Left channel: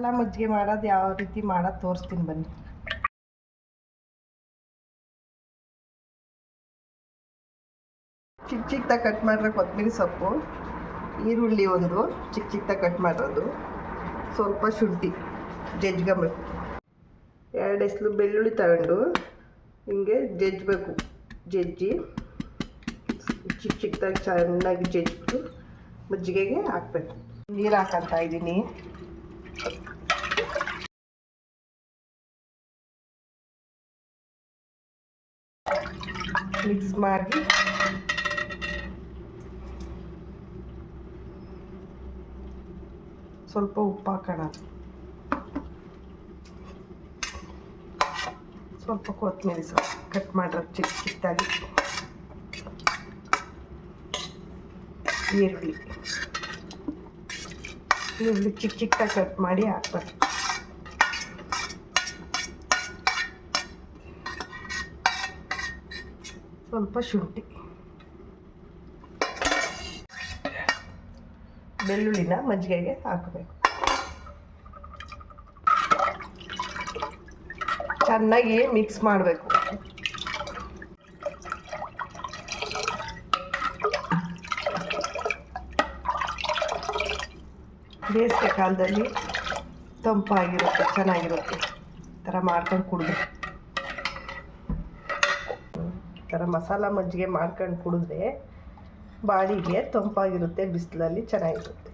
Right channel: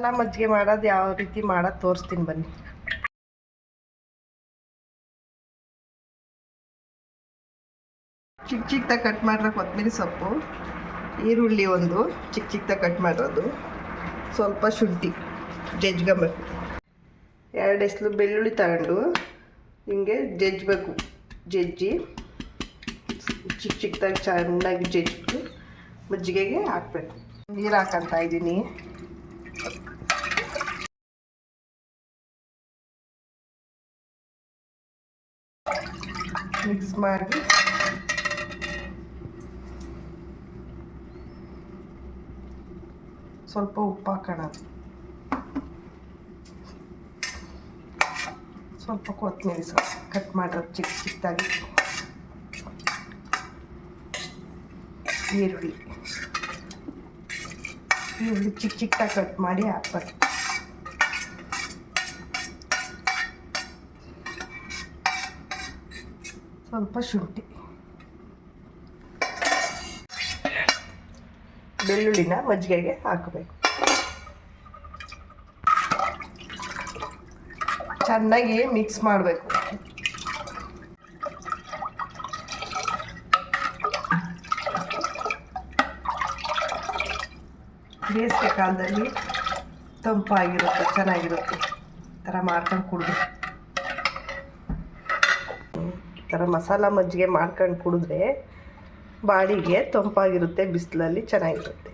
ಮಸಾಲ ಮಜ್ಜಿಗೆ ಮಾಡೋದು ಯಾವ ರೀತಿ ಮಾಡೋದು ತೋರಿಸ್ತೀನಿ ಬನ್ನಿ. ಚಿಕ್ಕ ಚಿಕ್ಕದಾಗಿ ಕಟ್ ಮಾಡಿರೋ ಕೊತ್ತಂಬರಿ ಸೊಪ್ಪು, ಈರುಳ್ಳಿ ಒಂದು ಚಿಕ್ಕ ಚಿಕ್ಕದಾಗಿ ಕಟ್ ಮಾಡಿರೋದು, ಸ್ವಲ್ಪ ಶುಂಠಿ ಜಜ್ಕೊಬೇಕು. 2 ಎಸ್ಲು ಬೆಳ್ಳುಳ್ಳಿ ತಗೊಂಡು ಹಿಂಗೆ ಜಜ್ಬೇಕು. ಜಜ್ಜಿ ಚಿಕ್ಕ ಚಿಕ್ಕದಾಗಿ ಚೆನ್ನಾಗಿ ಜಜ್ಜಿಬಿಟ್ಟು ಮಜ್ಜಿಗೆಗೆ ಹಾಕಬೇಕು. ನೀರು ಹಾಕಂತ ಇದ್ದೀನಿ. ಮಿಕ್ಸ್ ಮಾಡಿ ಸ್ವಲ್ಪ ಉಪ್ಪು ಹಾಕೋಣ, ಸ್ವಲ್ಪ ಕೊತ್ತಂಬರಿ ಸೊಪ್ಪು ಕಟ್ ಮಾಡಿರೋದು ಚಿಕ್ಕ ಚಿಕ್ಕದಾಗಿ, ಈರುಳ್ಳಿ ಚಿಕ್ಕ ಚಿಕ್ಕದಾಗಿ ಕಟ್ ಮಾಡಿ ಹಾಕ್ಬೇಕು. ಸ್ವಲ್ಪ ಶುಂಠಿ, ಬೆಳ್ಳುಳ್ಳಿನ ಮಜ್ಜಿಗೆಗೆ ಹಾಕಬೇಕು. ಚೆನ್ನಾಗಿ ಮಿಕ್ಸ್ ಮಾಡಬೇಕು. ಬೇಸಿಗೆ ಕಾಲದಲ್ಲಿ ತಂಪಾಗಿರುತ್ತೆ, ಚೆನ್ನಾಗಿರುತ್ತೆ. ಈ ಥರ ಮಾಡ್ಕೊಂಡು ಕುಡಿದ್ರೆ, ಈ ಥರ ಮಸಾಲ ಮಜ್ಜಿಗೆ ಮಾಡ್ಕೊಂಡು ಕುಡಿದ್ರೆ ಬಾಡಿಗೆ ತಂಪಾಗಿರುತ್ತೆ, ಬಿಸಿಲಲ್ಲಿ ಚೆನ್ನಾಗಿರುತ್ತೆ.